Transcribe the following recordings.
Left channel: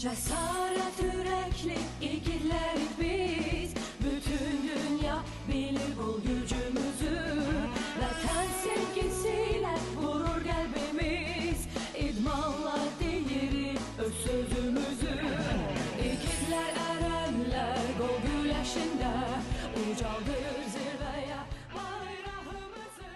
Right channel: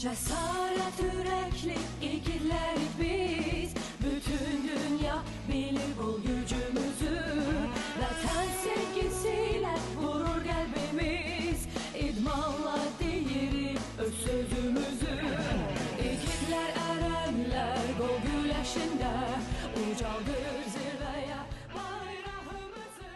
Cesaret yürekli igidler biz, bütün dünya bilir bu gücümüzü. Vatan sevgisiyle vurur kalbimiz, idmanla değeri öz sözümüzü. İgidler erenler gol güleşinde, ucaldır zirveye bayrağımızı.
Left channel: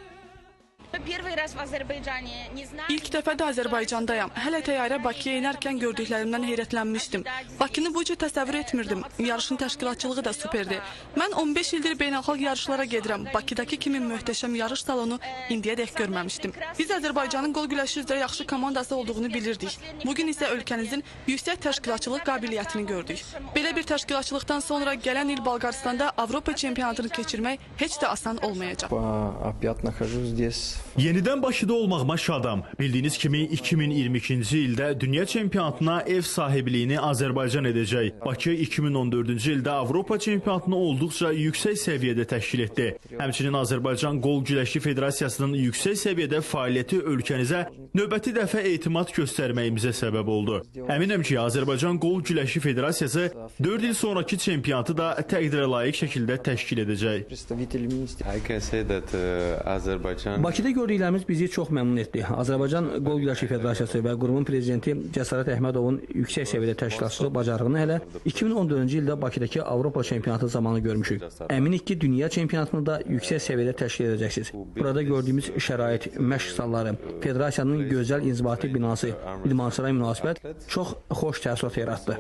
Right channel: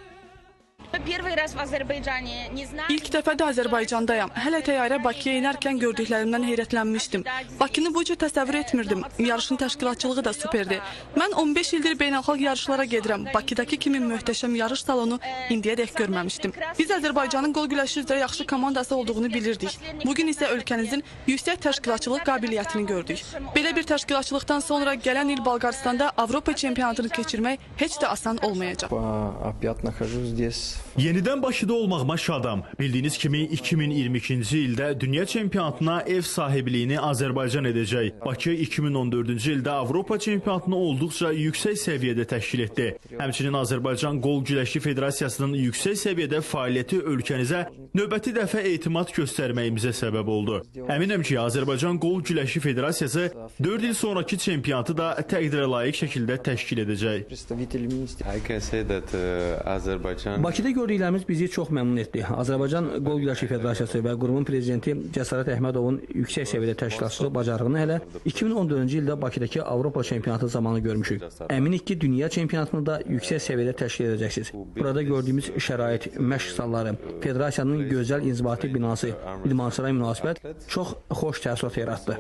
Первый раз в Азербайджане, не знаю. İlk defa da Azerbaycan'dayım. Hele teyyare Bakı'ya inerken gördüklerinden hayretlenmiştim. Bakı'nı boyunca təsəvvür etmirdim. Yarışın təşkilatçılığı da süperdi. Ben 15 yıldır beynəlxalq yarışlara gedirəm. Bakıdaki kimi möhtəşəm yarış salonu indiyərək görməmiştim. Biz Azerbaycan'ın gol güləşində yaxşı komandası olduğunu bilirdik. Bugün ise ülkemizin yüksek təşkilatçılıq qabiliyyətini gördük. Belə bir təşkilatçılıqdan sonra gələn il Bolqaristan'da Avropa çempionatını keçirmək heç də asan olmayacaq. Опять нахожусь здесь. Yenidən Bakıda olmağıma şadam. Bildiyiniz kimi 2022-ci ildə dünya çempionatına ev sahibliyini Azərbaycan edəcək. Bakı 2014-cü ildə Avropa çempionatını olduqca yüksək səviyyədə təşkil etdi. Həmçinin Azərbaycan Qol Güləşi Federasiyasının yüksək səviyyədə fəaliyyəti ölkənizə növbəti dəfə etimad göstərməyimizə səbəb oldu. Əminəm ki, Azərbaycan Qol Güləşi Federasiyası 4 il sonraki çempionatı da təqdirə layiq şəkildə təşkil edəcək. Bakıda gördüklərimiz bizi çox məmnun etdi. Azərbaycan Qol Güləşi Federasiyası və qurumun prezidenti Cəsarət Əhmədovun yüksək səviyyədə təşkilatçılıq bacarığını hələ 2014-cü ildə Bakıdakı Avropa çempionatı zamanı görmüşük. Əminik ki, dünya çempionatını da yüksək səviyyədə təşkil edəcəksiniz. Burada gördüyümüz şərait, məşq salları, federasiyanın gözəl inzibati binası, idmançılara münasibət çox xoş təəssürat yaratdı.